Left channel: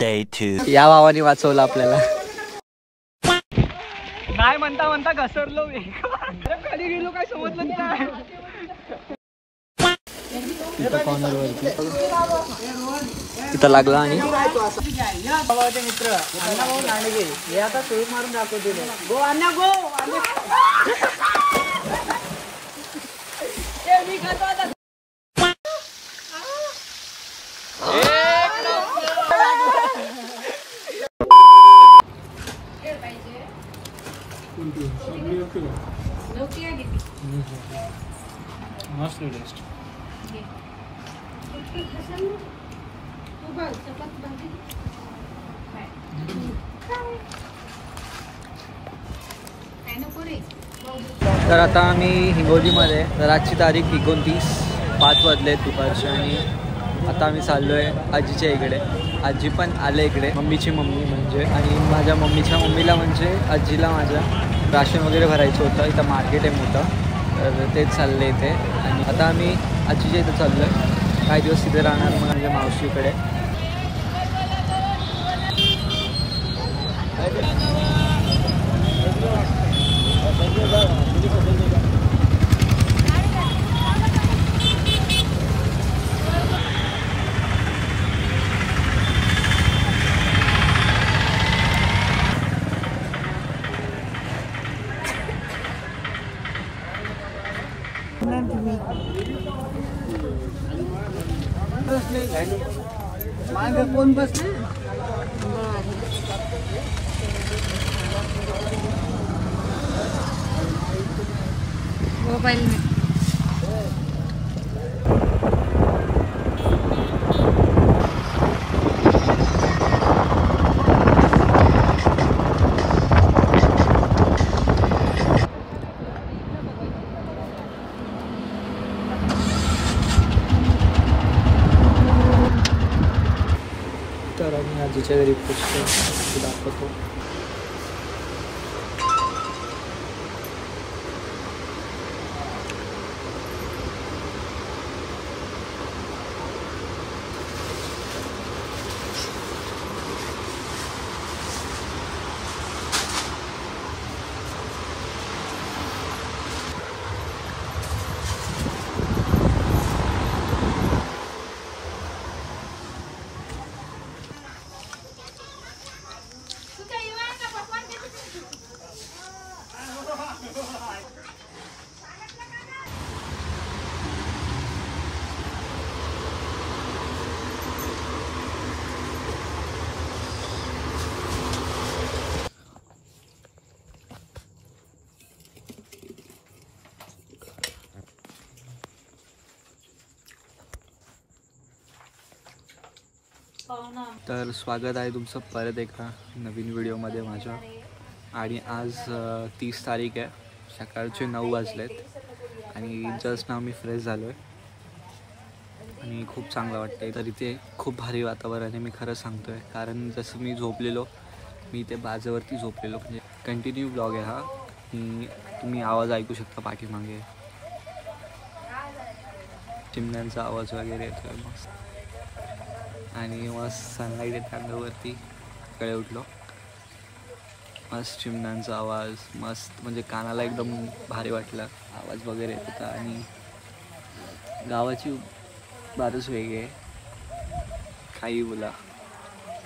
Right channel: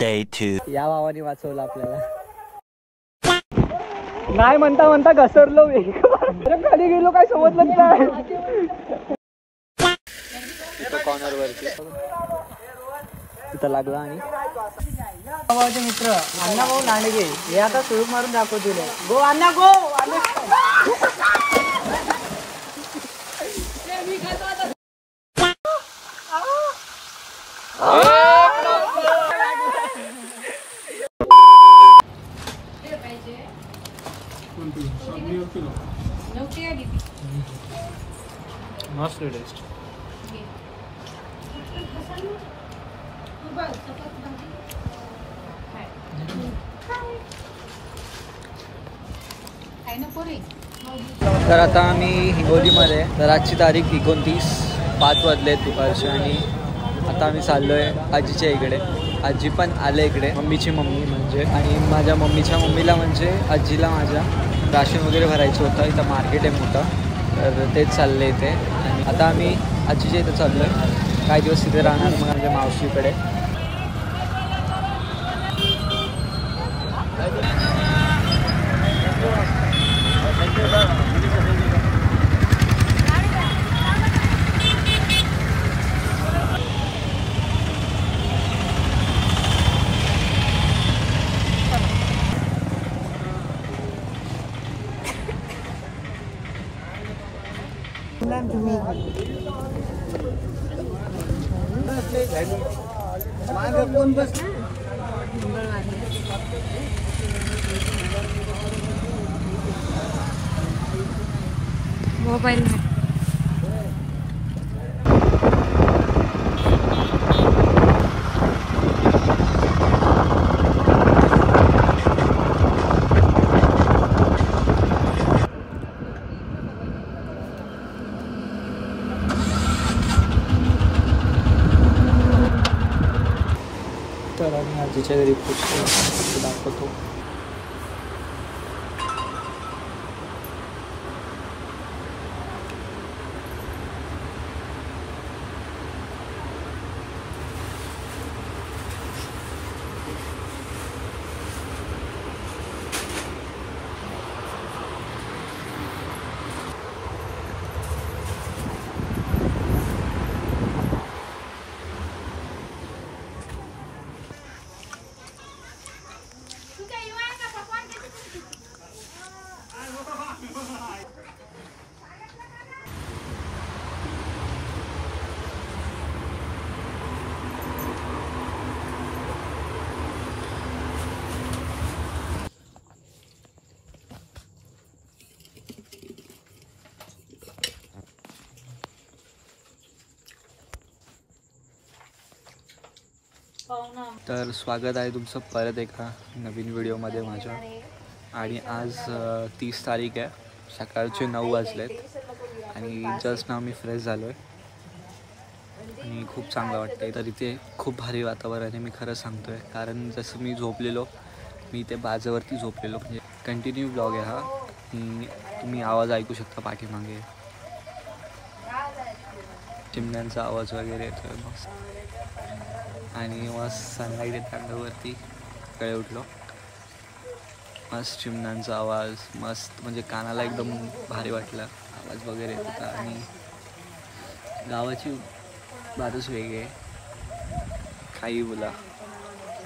Day 2. या भावाने वाचवलं आपल्याला. नाही म्हणता म्हणता घसरलो मी. खाली गेलो काय समजलंच नाही. इथं लागला आणि मित्र अण्णा भाऊ लांडगे हे आता सुरू मारून दाखवतील. गो अण्णा गो. मस्त टेस्ट. तर आता आम्ही हिंगोलीमध्ये. तर आजची तारीख 29, 5 वाजले दुपारचे आणि आता आम्ही चाललो आहे आजीच्या इकडे. आजी पण आले इकडे, मम्मीची मम्मी म्हणजे. आणि माझ्या मम्मीच्या मम्मीला म्हणजे आजीला माझ्या राशन वगैरे भरायचं होतं. इथं मार्केट आहे मोठं, तर तेच चाललं इथे. आणि आता आम्ही आजीच्या इथं चाललो आहे. काही दिवस तिथे राहणार मग म्हणजे मावशीकडे. कोण बस मोबाईल. तर आम्ही आजीच्या घरी पोचतो, दाखवतो. तर स्वागत आहे तुमचं परत एका नवीन व्हिडिओमध्ये माझ्या. आणि आज 30 तारीख आहे. सकाळचे 9 वाजलेत आणि जस्ट नाव मी फ्रेश झालो आहे आणि खूप चांगलं वाटतं आहे. तर इथे खूप भारी वातावरण आहे, मी खरं सांगतो आहे. कारण जसं मी झोपलेलो, मी इथे बाजावरती झोपलेलो. म्हणजे कंटिन्यू ब्लॉग आहे हा. तुम्ही आवाज ऐकू शकता पाठीमागे, चिमण्यांचा आवाज वगैरे येतो आहे मस्त. आणि मस्त सनलाईट येते अंगावरती. सकाळी उठलो, मस्त चिमण्यांचा आवाज मस्त, म्हणजे कानाला एकदम भारी वाटलं. आवाज वगैरे येत होता आणि गावाची बातच वेगळी आहे, काही बोला.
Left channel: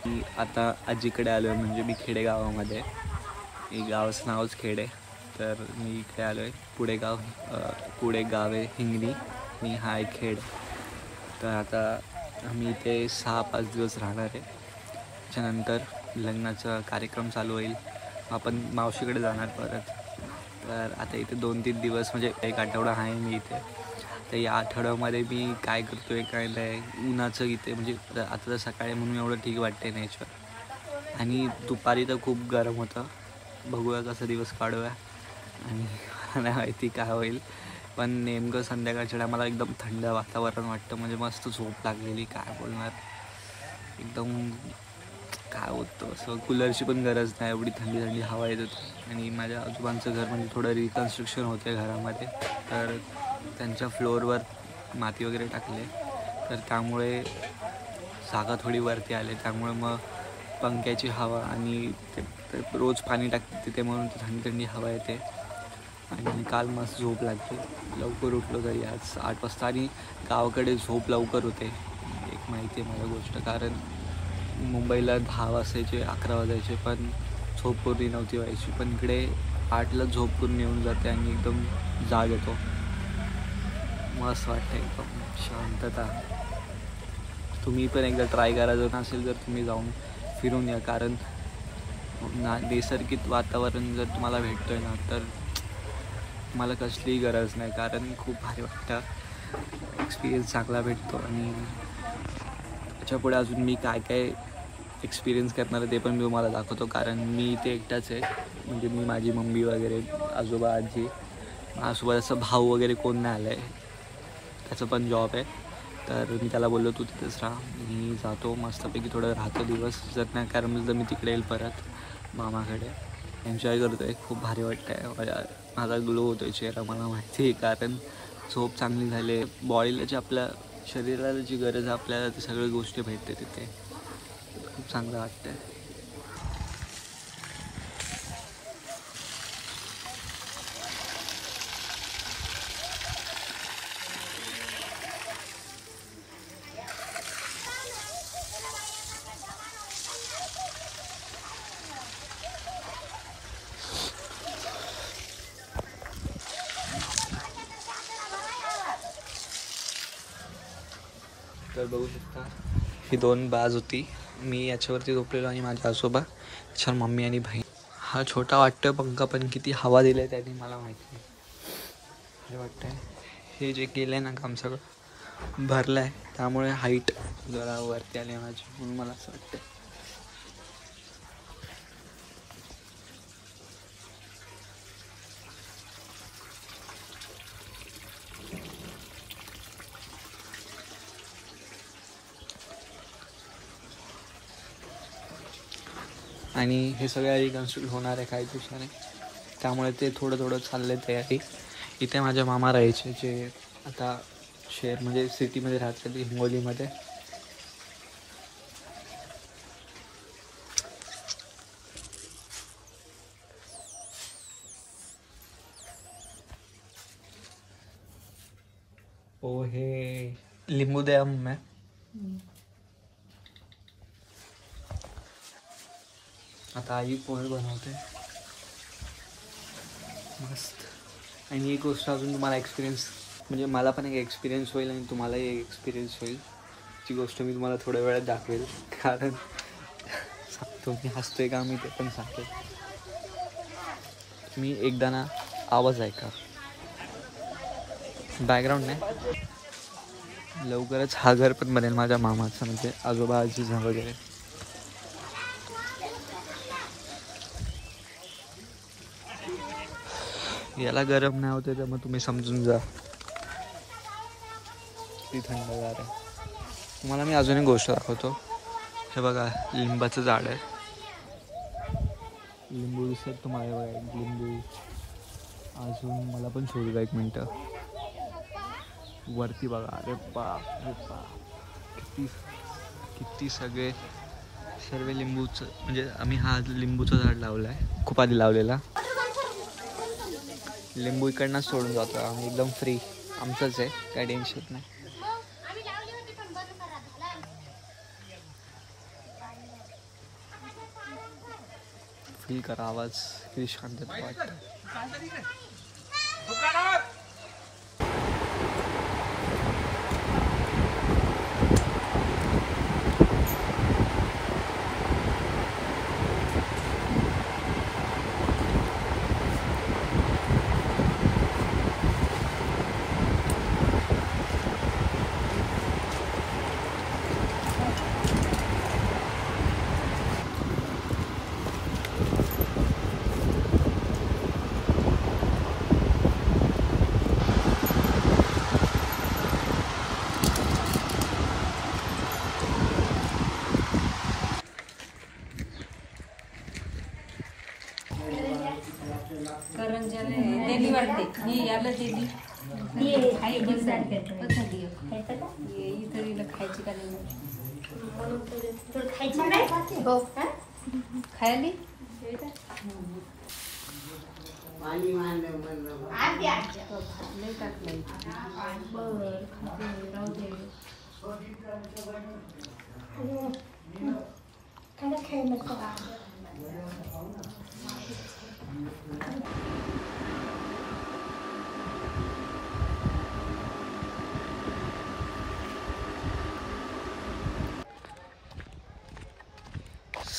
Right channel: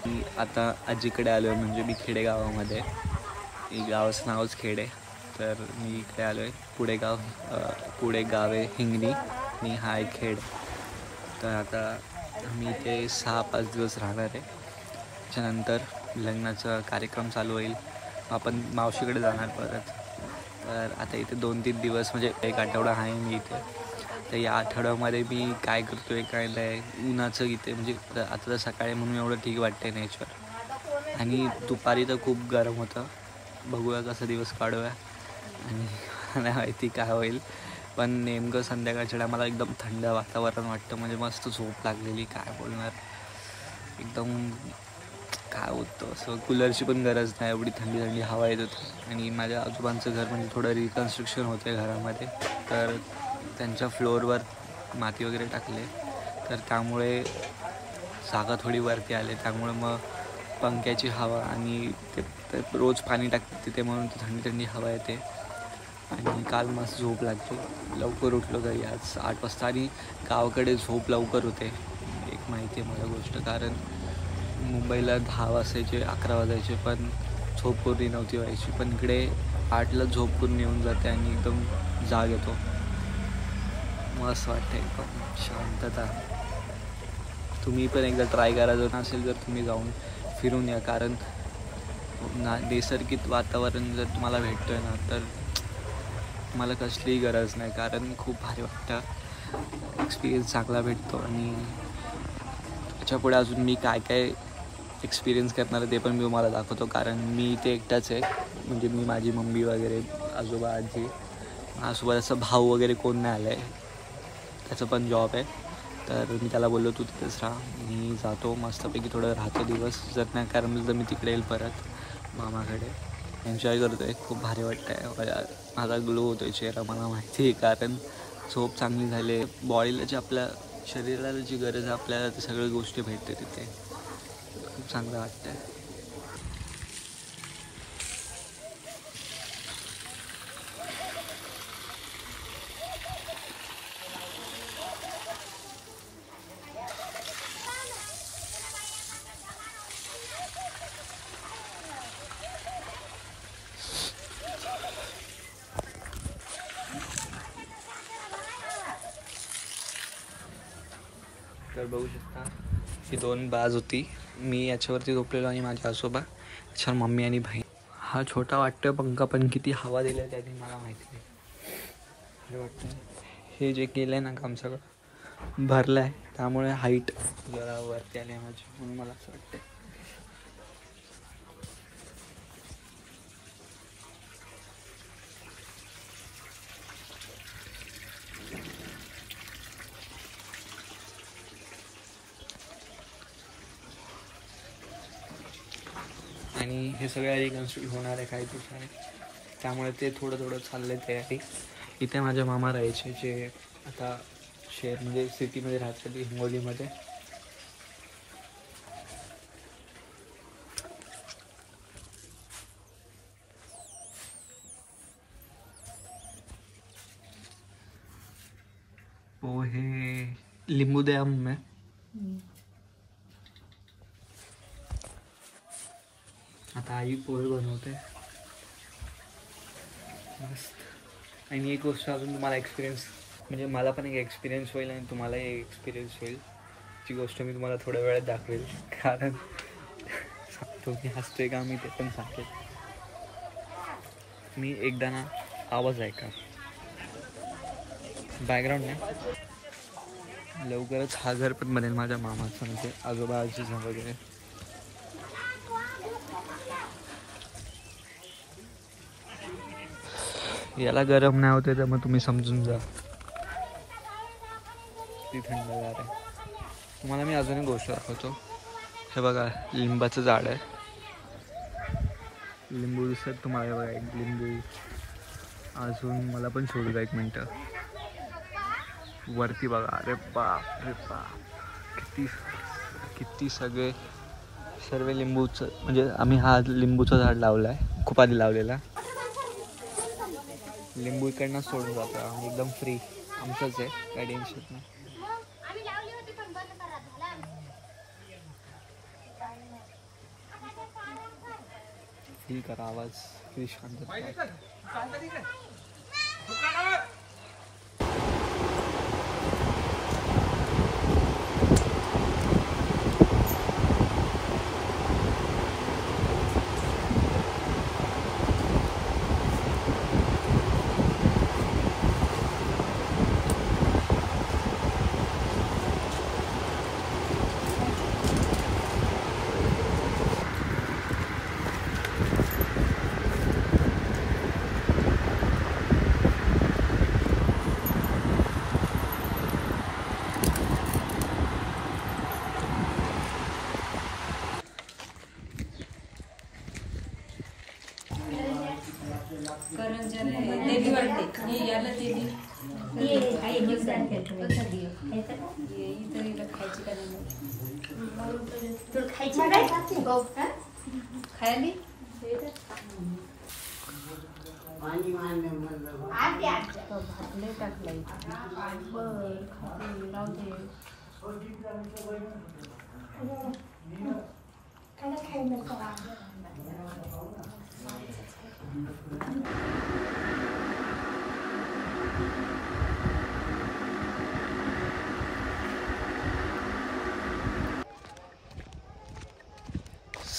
मी आता आजीकडे आलो आहे, म्हणजे मी खेडेगावामध्ये. ही गावाचं नावच खेड आहे. तर मी इकडे आलो आहे पुढे गाव आहे हिंगणी आणि हा एक खेड. तर आता आम्ही इथे 6-5 दिवस राहणार आहे. त्याच्यानंतर लग्नाचा कार्यक्रम चालू होईल, आपण मावशीकडे जाणार परत. तर आता इथे 2-3 दिवस म्हणजे 1 आठवडा आहे मी इथे. तर या आठवड्यामध्ये मी काय करतो आहे काय नाही, उन्हाचं इथे म्हणजे आता तर सकाळी म्हणून एवढं ठीक वाटते नेचर. आणि दुपारी तर खूप गरम होतं. बघूया कसा दिवस काढूया आणि मला माहिती काय होईल. पण नेमकं संध्याकाळच्या टायमाला एकदम थंड वातावरण वाटतं, म्हणजे मस्त झोप लागलेली. काय बोलणार, एकदम काय होतं असं. कूलरची पण गरज नाही, एवढी थंडी थंडी हवा येत होती. आणि माझ्या आजोबांचं घर म्हणजे थोडं रिकन्स्ट्रक्शन होते घरामध्ये, तर त्यांच्या फ्लोअरवर माती वगैरे टाकले. तर त्यामुळे जागा थोडी वरती आले, त्यामुळे मग पंख्याची हवा आणि ते रोज पाणी टाकते तिथे म्हणून ती थंडी थंडी हवा येते. आणि काल मस्त झोप लागली, लवकर उठलो घरी आज 8 वाजता. आणि गावाकडे झोप लवकर होते, एक माहिती आहे मला गोष्ट, कारण मुंबईला 10 वाजायचे 11 वाजायचे पण झोप पूर्ण नव्हती व्हायची, पण इकडे 8ला झोप पूर्ण येऊन जाते आणि एकदम जाग येतो, मस्त वाटतं, एकदम शांतता. तुम्ही पण एकदा ट्राय करा, जर नसेल जर तुम्ही जाऊन फिरून या, कारण नैसर्गिक वातावरण जर तुम्हाला भेटतो आहे ना तर तुम्हाला कसलीही गरज नाही, कारण खूप भारी वाटतं, एक्सपिरियन्स चांगला भेटतो. आणि त्याच्यापुढे अजून मी काय काय एक्सपिरियन्स करणार आहे ते पण मी तुम्हाला दाखवतो, कारण मी इथे एकटाच आहे, म्हणजे मी, माझी मम्मी वगैरे, आजोबा, आजी, माझ्यासोबत असं भाऊ वगैरे कोण नाही आलं आहे, त्याचं पण जॉब आहे. तर मी त्याला बोललो तू तिथेच राहा, मी जातो मस्तपैकी थोडं राहतो दिवस, जर नाही कारण तर मी तिकडे येईल परत मामाकडे. एन्जॉय करतो आहे, खूप भारी वाटतं आहे, माझा ग्लो होतो आहे चेहरा, मला माहिती आहे, कारण झोप चांगली झाली, बॉडीला जी आपल्या शरीराला जी गरज आहे आपल्याला ते सगळ्या गोष्टी भेटते तिथे, खूप चांगलं वाटतं आहे. तर बघू शकता ही 2 बाज होती, मी याच्यावरती झोपलेलो आणि माझ्या आजोबा, त्याच्यावर मम्मी आणि बहीण. हा छोटा वाटतोय पंखा, पण किती हवा दिली आहे त्याने मला माहिती नाही, हे वाटतं. हे जे केलं आहे ना काम सगळं भरलं आहे, त्यामुळे हाईट जरा वरती आली माझी, म्हणून मला असं वाटतं. आणि हे सगळ्या रिकन्स्ट्रक्ट होणार आहे काही दिवसाने, त्यामुळे ते थोडं थोडं चाललं आहे तयारी. इथे माझ्या मामा राहायचे, जे आता शहर म्हणजे सिटीमध्ये राहतात, हिंगोलीमध्ये. पोहे लिंबू दे आम है. आता आई पोहे बनवते मस्त. आणि एक गोष्ट अजून तुम्हाला एक्सपिरियन्स, म्हणजे मला पण एक एक्सपिरियन्स होईल आणि तुम्हालाही एक एक्सपिरियन्स होईल, ती गोष्ट मी तुम्हाला थोड्या वेळात दाखवेल, कारण तुम्ही हसतोय का मी ते पण सांगेल. मी एकदा ना आवाज ऐका, बॅकग्राऊंड नाही, लवकरच हा घर पण बनेल माझ्या मामाचं, म्हणजे आजोबा आजीचं वगैरे. याला गरम नाही होते तर मग तुम्ही समजून जा, ती थंडगार आहे. तुम्हाला मी अजून एक गोष्ट दाखवतो, हे बघा लिंबाचं झाड आहे, लिंबू दिसत तुम्हाला, बघा एक लिंबू. अजून मला पण सोडू द्या एक मिनटं, वरती बघा, अरे बाप रे बाप, किती किती सगळे सर्व लिंबूचं, म्हणजे आम्ही हा लिंबूचं झाड लावलं आहे, खूप आधी लावलेला. लिंबू इकडनं सोडून जातो आम्ही, एकदम फ्री, आमचंच आहे, काही टेन्शन नाही. फील करा आवाज, किती शांतता वाटतं.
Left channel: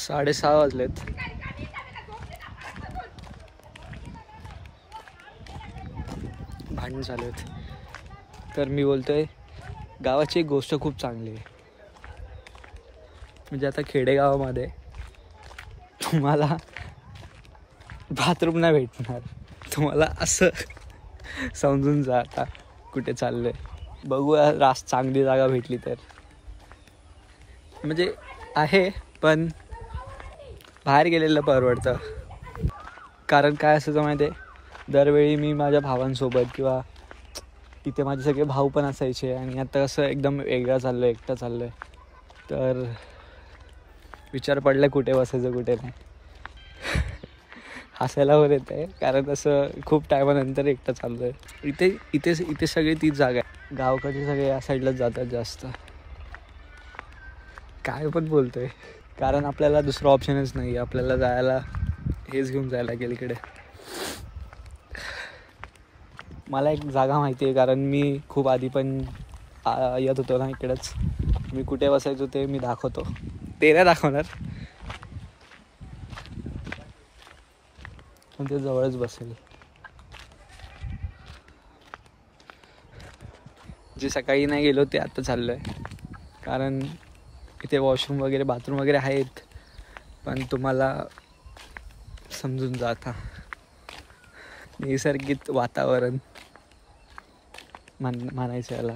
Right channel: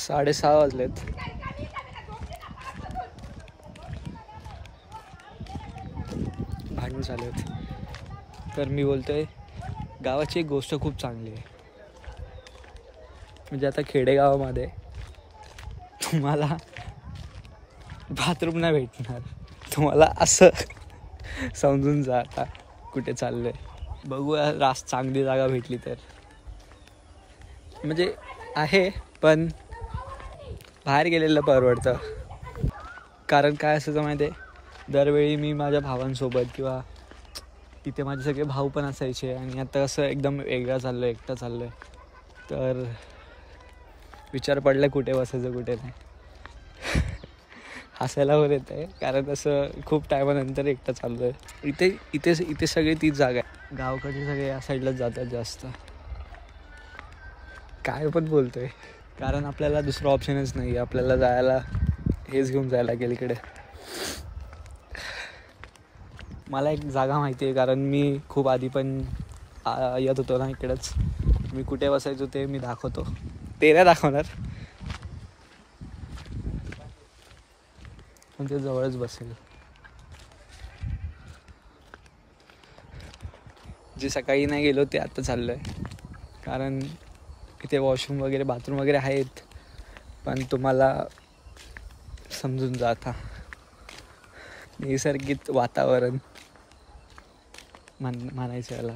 साडेसहा वाजलेत. भांडण चालू आहेत. तर मी बोलतोय गावाची एक गोष्ट खूप चांगली आहे. म्हणजे आता खेडेगावामध्ये तुम्हाला बाथरूम नाही भेटणार. तुम्हाला असं समजून जा आता कुठे चाललंय. बघूया रास्त चांगली जागा भेटली तर. म्हणजे आहे पण बाहेर गेलेलं परवडतं. कारण काय असतं माहिती आहे, दरवेळी मी माझ्या भावांसोबत किंवा इथे माझे सगळे भाऊ पण असायचे आणि आता कसं एकदम वेगळं चाललो आहे, एकटं चाललो आहे. तर विचार पडला कुठे बसायचं कुठे नाही. हसायला वर येत आहे कारण असं खूप टायमानंतर एकटं चाललो आहे. इथे सगळी तीच जागा आहे. गावकडचे सगळे या साईडलाच जातात जास्त. काय पण बोलतोय कारण आपल्याला दुसरं ऑप्शनच नाही. आपल्याला जायला हेच घेऊन जायला लागेल इकडे. मला एक जागा माहिती आहे कारण मी खूप आधी पण येत होतो ना इकडेच. मी कुठे बसायचो ते मी दाखवतो. ते नाही दाखवणार पण ते जवळच बसेल. जे सकाळी नाही गेलो ते आता चाललो आहे कारण इथे वॉशरूम वगैरे बाथरूम वगैरे आहेत. पण तुम्हाला समजून जा आता. नैसर्गिक वातावरण म्हणायचं याला.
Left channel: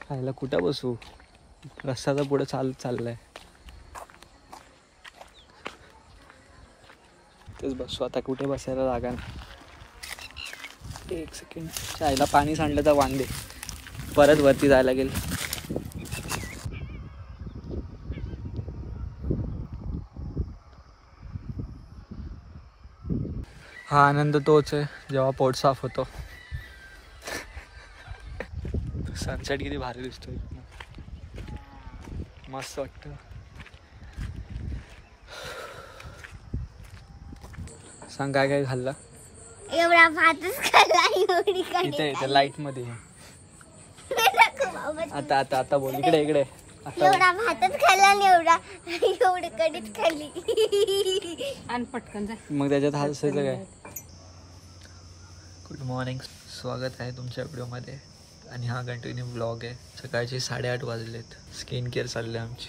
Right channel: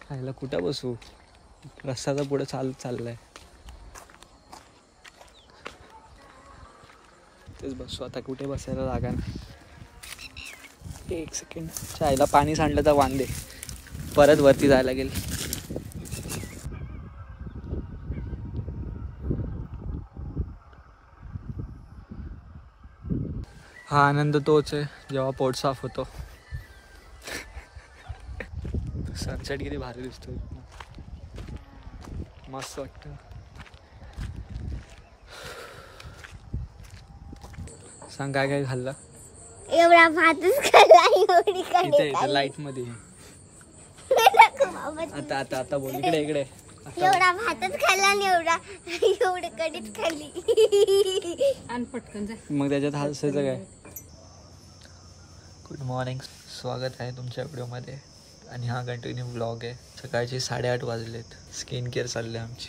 खायला कुठं बसू, रस्त्याचा पुढे चाललाय तेच बसू. आता कुठे बसायला जागा नाही. एक सेकंड. खायला पाणी सांडलं तर वांदे. परत वरती जायला लागेल. हा आनंद तोच आहे जेव्हा पोट साफ होतो. सनसेट किती भारी दिसतोय, मस्त वाटतं. सांग काय काय खाल्लं? एवढा भातच खाल्ला. इथे लाईट मध्ये. आता आता आता बोल. इकडे इकडे. एवढा भातच खाल्ला आणि एवढी कढीच खाल्ली. आणि पटकन जा. मग त्याच्यात हसायचं काय? गुड मॉर्निंग, स्वागत आहे तुमच्या व्हिडिओमध्ये. आणि हा कंटिन्यू व्लॉग आहे. सकाळचे 8:30 वाजलेत. स्किन केअर चालली आहे आमची.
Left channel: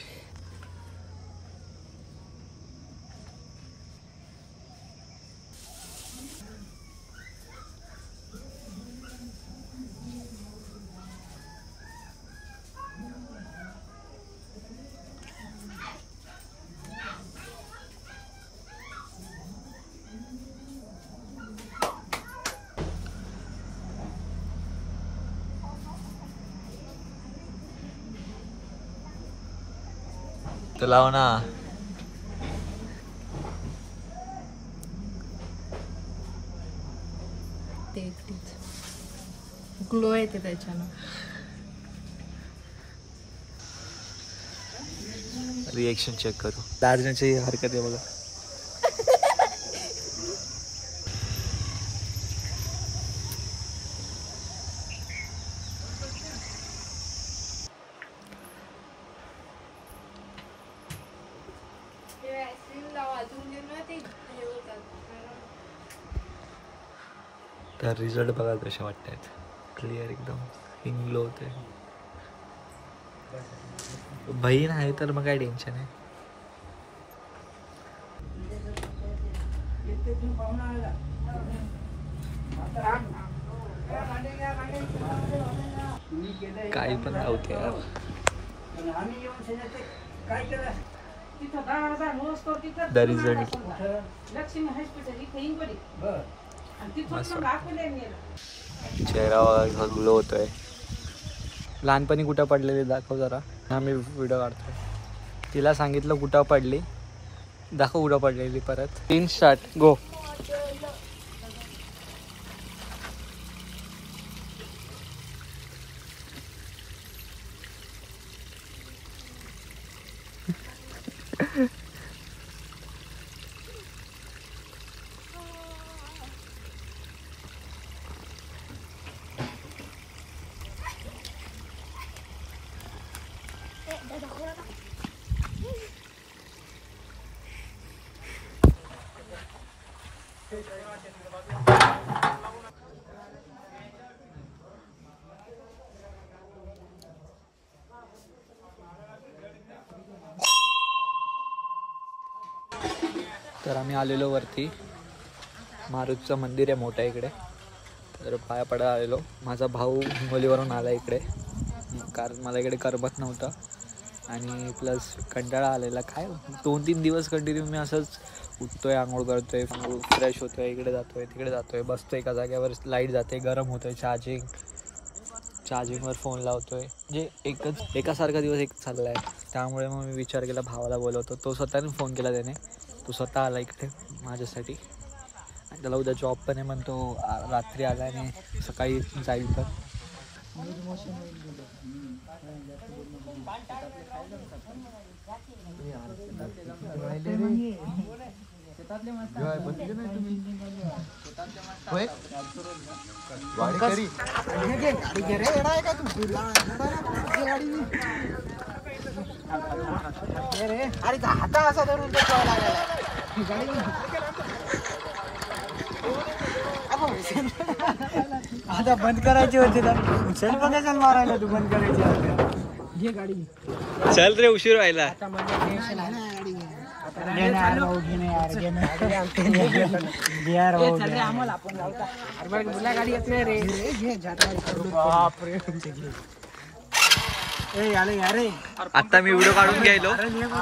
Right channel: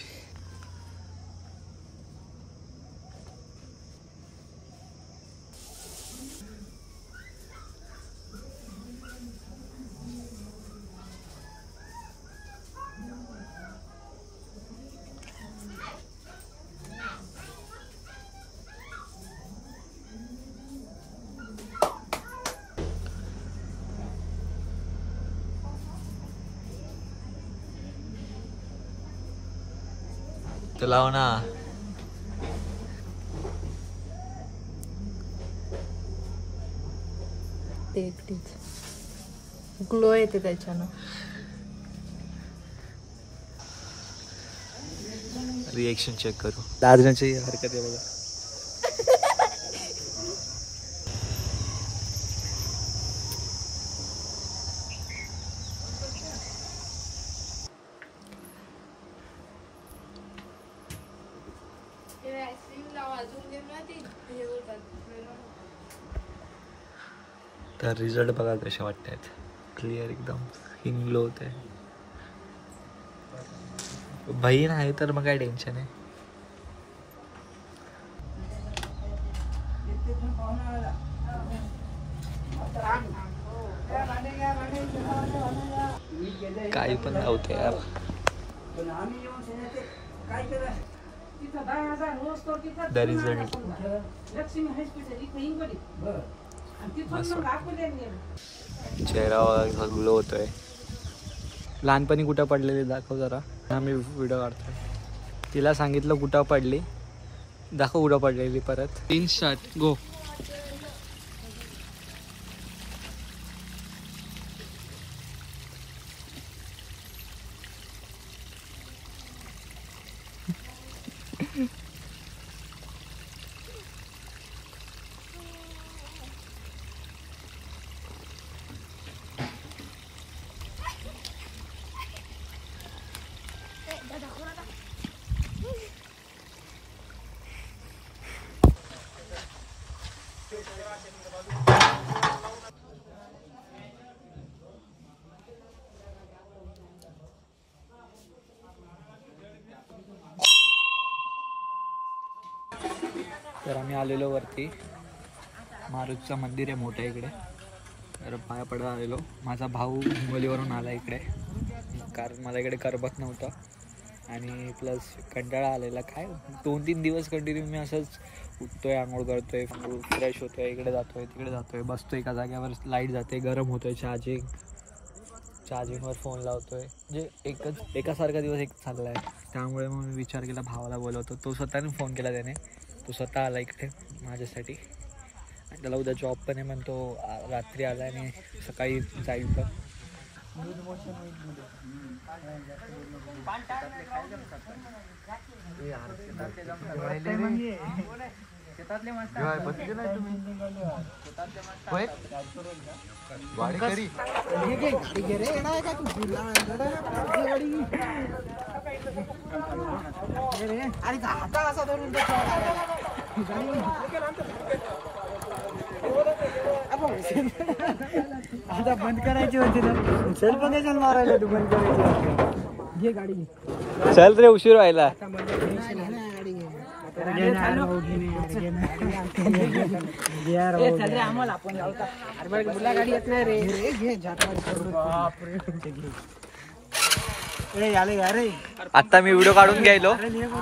तर लाव ना. ग्लो येते त्याच्यानं. रिएक्शन चेक करू. दादण्याची हरकत आहे बघा. तर रिझल्ट बघा कसे वाटतात. क्लिअर एकदम. हिंग ग्लो होते. बहीण आहे तर मग काय टेन्शन आहे. काही पण लावते यार. द रिझल्ट चेहरा ग्लो होतोय. लहानपणी कुठं पडलेली दाखव जरा. आम्ही व्हिडिओ काढतोय. तिला सांगितलं कुठं पडली, दाखव कुठं पडलेली परत. 3 स्टार्ट गो. तर आम्ही आलेलो वरती. मारुतीचं मंदिर आहे मोठं इकडे, तर पाया पडायला आलेलो. माझा भाऊ मुलीवरून आला इकडे, कारण मला इकडे करमत नव्हतं आणि प्लस कंटाळा आलेला. काय 2-3 दिवस कंटिन्यू मी असंच उठतोय, आंघोळ करतोय, फ्रेश होतोय, इकडे जातोय तिकडे जातोय, बसतोय एका जागेवर, लाईट जाते, गरम होतोय, चार्जिंगवर फोन लावतोय, म्हणजे एकासारखा दिवस एक चालला आहे. त्यामुळे मग मी विचार केला भावाला बोलवतो. तो स्वतःने फोन केला त्याने, तो स्वतः आला इकडे माझ्यासाठी. आणि त्याला उद्या जॉब पण आहे, म्हणतो रात्री आला आणि सकाळी जाईल पण. आता बंद करायची होती ना, सेल पण कशाला मारायला तू बंद करायची. घे गाडी घे. चल रे, उशीर व्हायला. आता म्हणजे टेन्शन आहे ना, गाडी घे. गाडी येत नाही रे. घे अरे आता मी व्हिडिओ काढून घ्यायलो,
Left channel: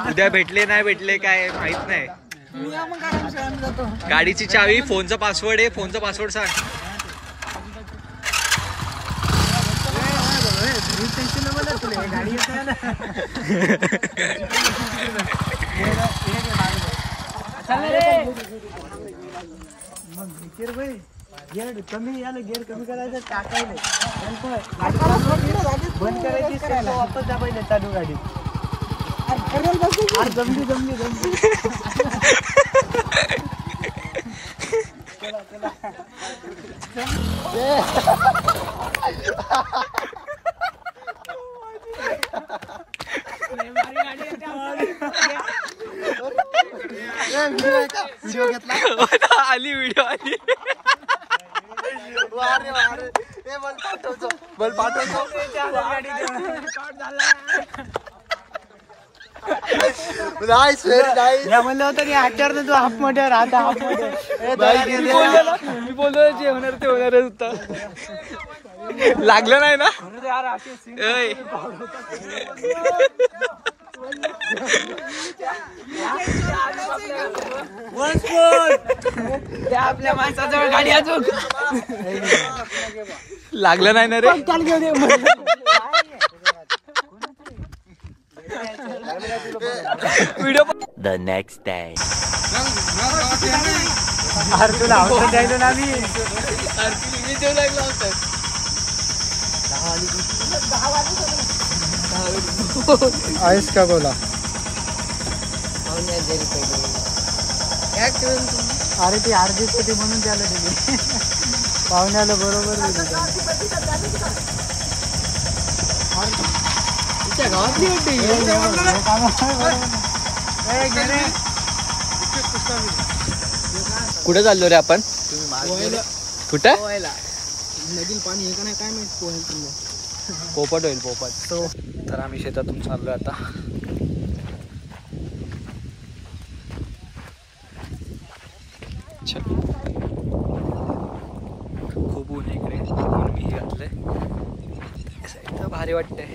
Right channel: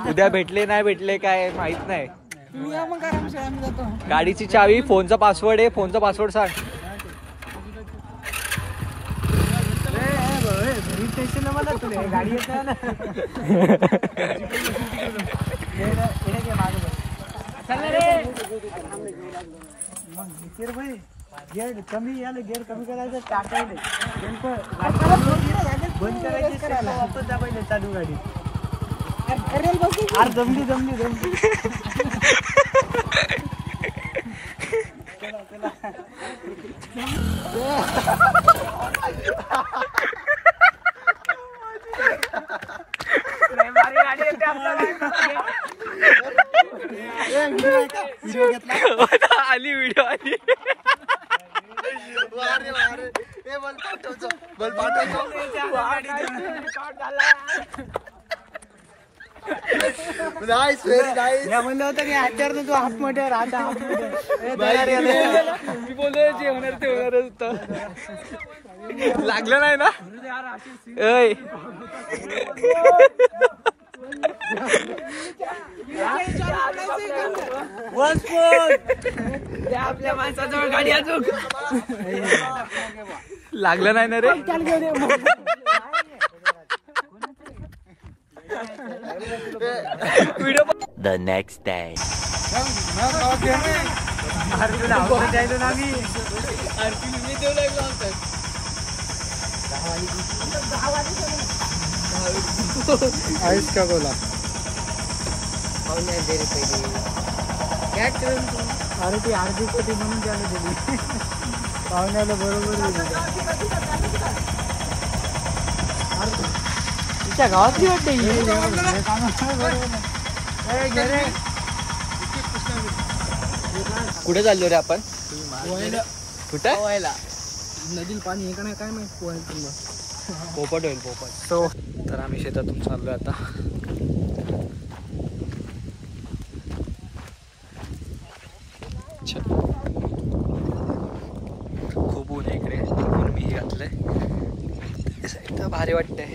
उद्या भेटले नाही भेटले काय माहित नाही. गाडीची चावी, फोनचा पासवर्ड आहे, फोनचा पासवर्ड सांग. गाडी येत नाही ना. गेअर कमी आलं, गेअर कमी करायचं, टाकायला बंद करायची, करायला चालू गाडी. जमली व्हिडिओ घेतला, आली व्हिडिओ आली. बल पाठवतो. म्हणलं होतं की हातच्यावर तू हाफ मध्ये राहता, हाफ मध्ये. मी बोललो जे होणार ते होणारच होतं. लागलं नाही ना. आपल्या माणसाजवळ गाडी अजून लागलं नाही ना रे. Video The next day. Ayush का बोला. अरे ती अर्धी होती म्हणून त्याला दिली. पाहुण्याला बरोबर तिच्या गावातली होती. कुठे चाललो रे आपण? कुठं? नदीला पाणी आहे का नाही काय माहित. पोहायला तुम्हाला पोपट होईल, पोपट. तर आम्ही शेतातून चाललोय आता. खूप ऊन आहे इकडे, म्हणून मी घातलंय. तर भारी वाटतंय.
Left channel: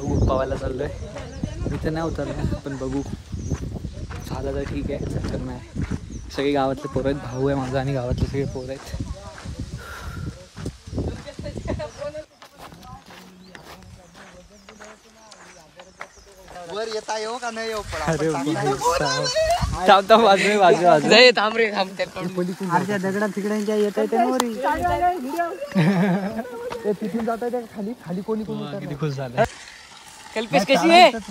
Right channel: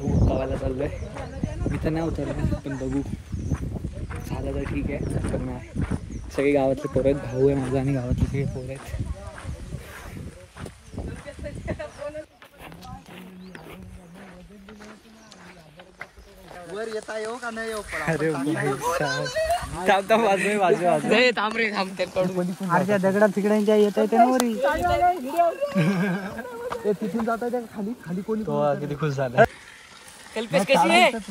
ऊन पावायला चाललोय. इथं नाही उतरलं पण बघू आलं तर ठीक आहे. तर नाही सगळे गावातले पोरं आहेत, भाऊ आहे माझा आणि गावातले सगळे पोरं आहेत. वर येता येऊ का नाही येऊ अरे अर्ध्या दगडा तिकड्यांच्या येत तिथून जात आहे खाली खाली कोणी किती खुश झालं.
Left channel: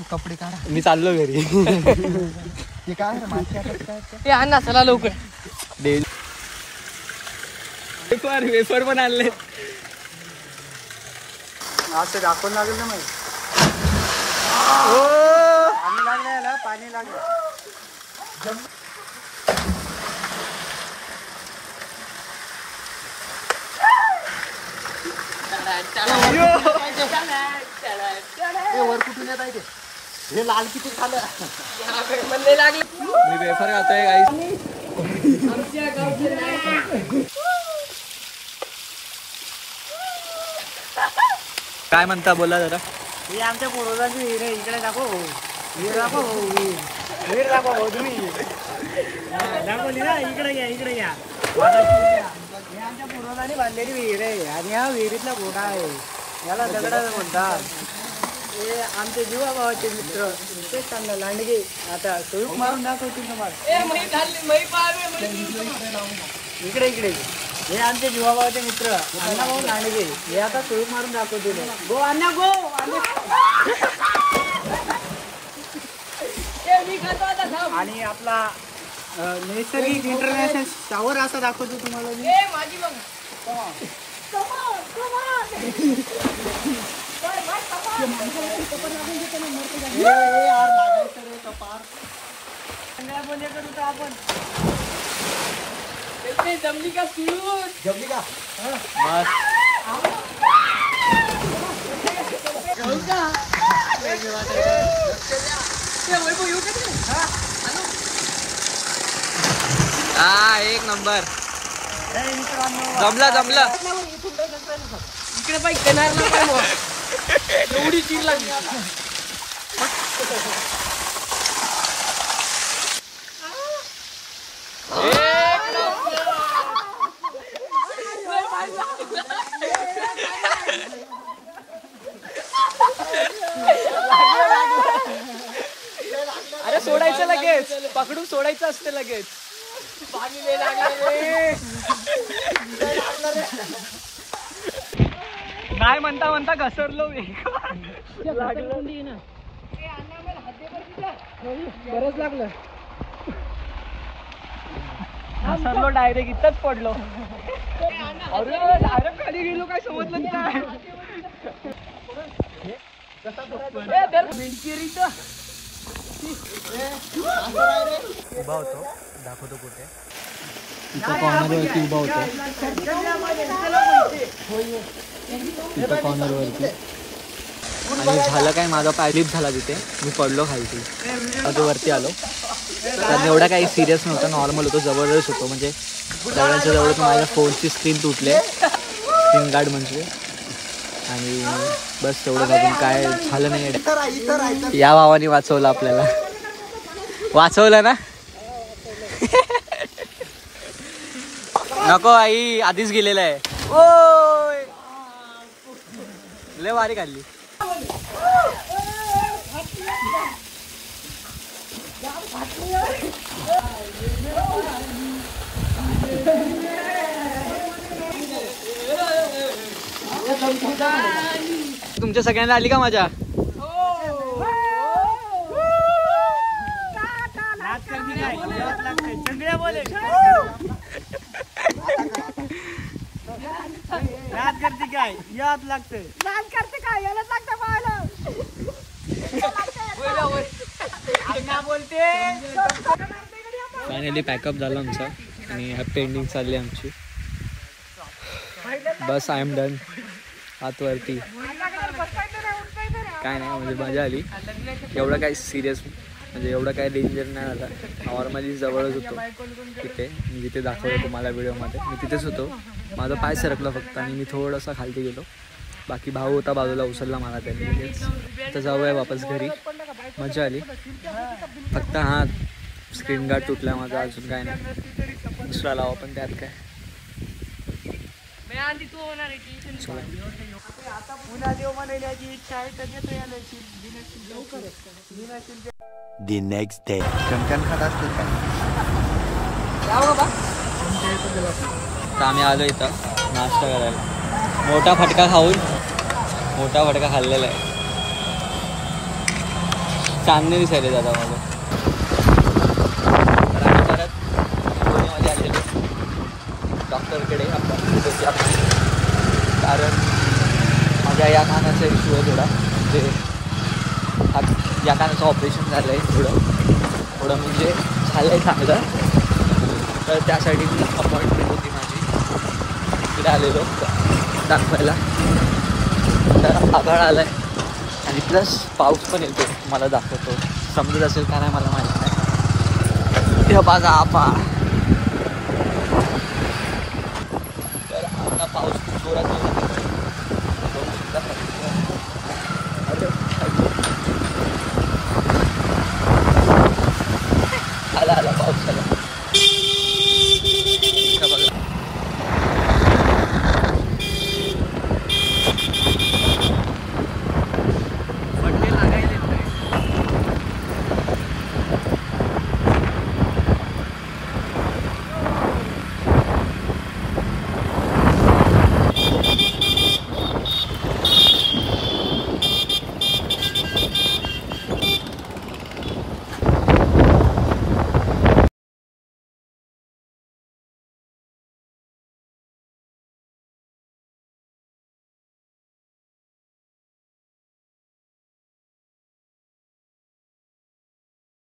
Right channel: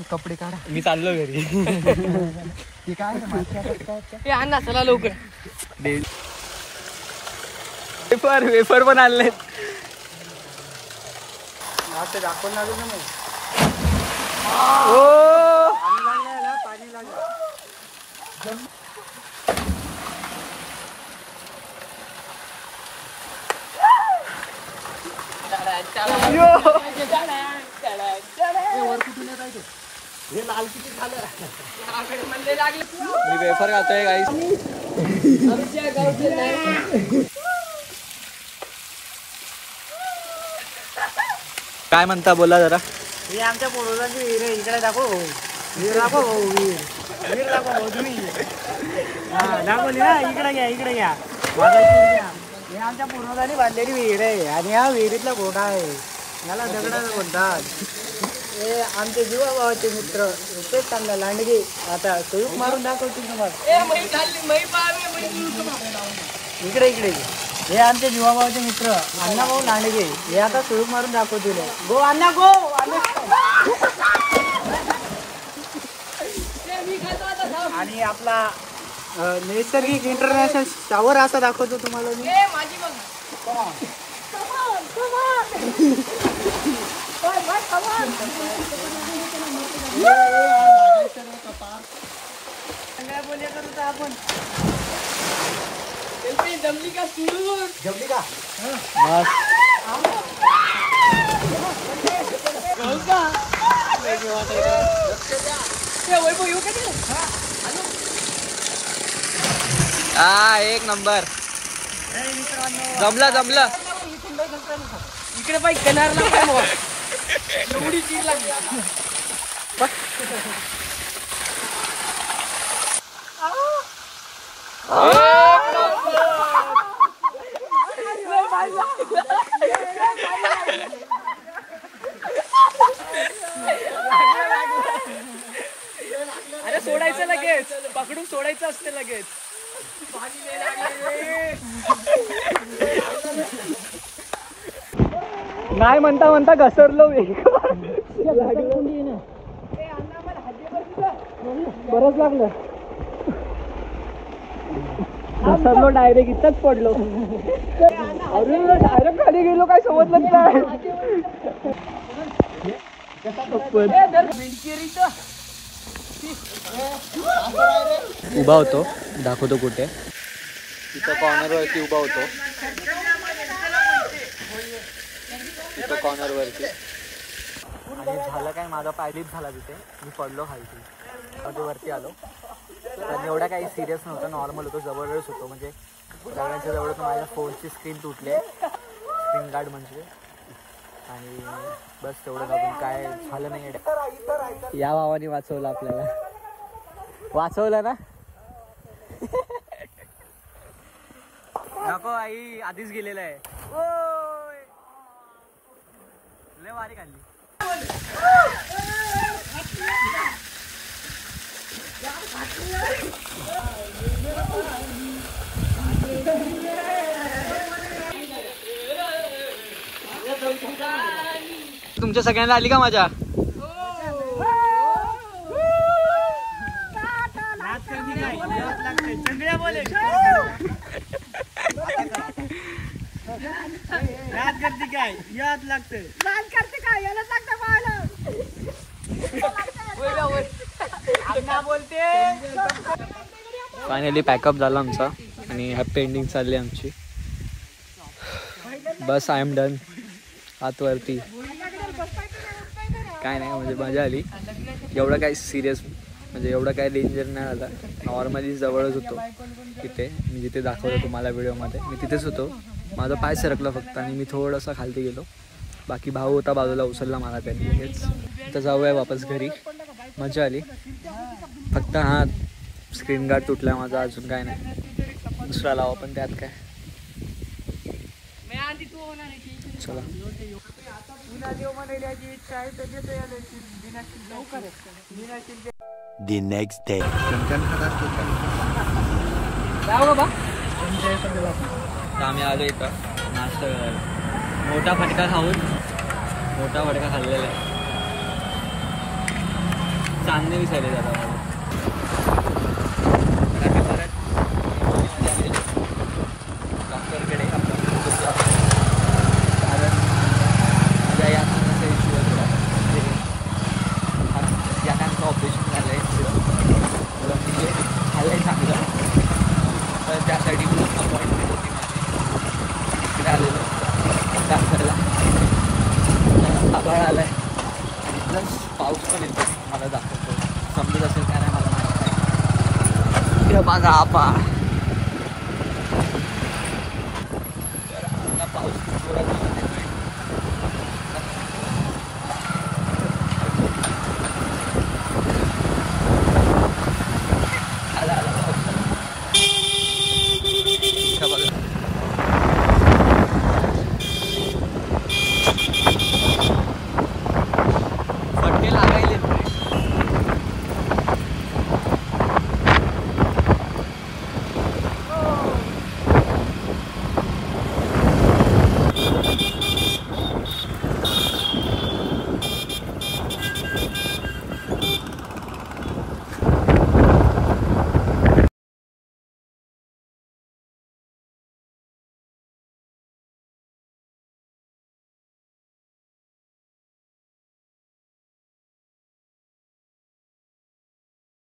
कपडे काढा मी चाललो घरी. ते काय चला लवकर. वेफर वेफर पण आणले. दाखवून लागेल ना माहिती पाणी लागलं. वर कुठून येत आहे ते हे लाल किती खाल्लं मी वेफर खातोय गाईस. काय म्हणता बोला जरा. हे आमच्या पूर्वजांची विहीर आहे. इकडे दाखव भाऊ. विहीर दाखव भाऊ. विहीर दाखव भाऊ. दाखवली ना. इकडे घ्या इकडे घ्या. हे आमच्या पूर्वजांनी बांधलेली विहीर आहे आणि हा विहिरीतला घोडा आहे. याला दगडाचं म्हणतात. हे आमचे जीवा भावाचे मित्र तेच त्यांना लांडगे. आता सुरूच मारून दाखवतील इकडे इकडे. हे आमचे जीवा भावाचे मित्र अण्णा भाऊ लांडगे. हे आता सुरूच मारून दाखवतील. गो अण्णा गो. आणि आपला नैसर्गिक इंटरनॅशनल शावर असा दाखवतो तुम्हाला मी. जमली का जमली का हा एक नंबर. जमलं जमलं. इकडे पाहिजे एवढी चीज लागली. अरे सोडायचं लगेच. पकडून सोडायचं असते लगेच. नाही म्हणता म्हणता घसरलो. बरंच लागलं. घसरलो डायरेक्ट इथंच पडलो. अरे डायरेक्ट खाली गेलो काय समजलंच नाही. उभा होतो दाखवतो कुठे. कॉर्नरवरती उभा होतो. आणि झालं काय माझा पाय स्लिप झाला तिथे. मी पडलो खालती. अजून वरती आलो. कारण एवढा काही सिरियस नव्हता. नॉर्मल होतो. जबरदस्त होतो. म्हणजे सगळ्यांच्या जवळच माझ्या फोनची स्क्रीन तुटले. स्क्रीन गार्ड म्हणजे. आणि बस तेवढं अजून काय झालं नाही. या भावाने वाचवलं आपल्याला. वाचवलं ना. नको आई आधीच गेलेला आहे. ओय लय वारी काढली. तुमच्या सगळ्यांना आली का मजा. काय याद लागते काय यालाच बोलते. फायनली पॅकअप झाला आमचा आणि हॅपी एंडिंग चालली आमची. बस आय एम डन. आतवरती काय नाही म्हणजे मजा आली. एवढं काय सिरियस म्हणजे एवढं काय डेंजर नाही झालं. नॉर्मली जवळच होतो तिथे. मी जिथे दाखवलं तुम्हाला व्हिडिओमध्ये मी तिथेच होतो. माझा पाय सरकला फक्त आणि मी थोडंसं खालती गेलो. बाकी भाऊ होता बाजूला उचलला मला त्यांनी लगेच. आता जाऊया वापस घरी. मजा आली. फक्त हा स्क्रीन गार्ड तुटला माझा, अजून काय नाही. दुसरा लावा पण त्यात काय. चला The next day. तर आम्ही आलो इथं नाश्ता करायला. मोठा फटका खाऊन मोठा फटका खाल्लेला आहे. चांगले दिसायले दादा माझं. तर आम्ही परत इंटरव्ह्यूमध्ये आलेलो डॉक्टरकडे आपण, कारण माझ्या या कानाचा इश्यू आहे थोडा. म्हणजे या कानाचं ऑपरेशन झालं आहे थोडं म्हणजे झालं आहे चांगलं. तर त्यासाठी मी अपॉइंटमेंट होती माझी, इकडे आलेलो दाखवायला. तर आभाळ आला आहे आणि प्लस पाऊस पण येतो. मला दाखवतो, समजत असेल का नाही मला माहीत नाही. माझा आभाळ. तर आता पाऊस खूप जोरात येतो.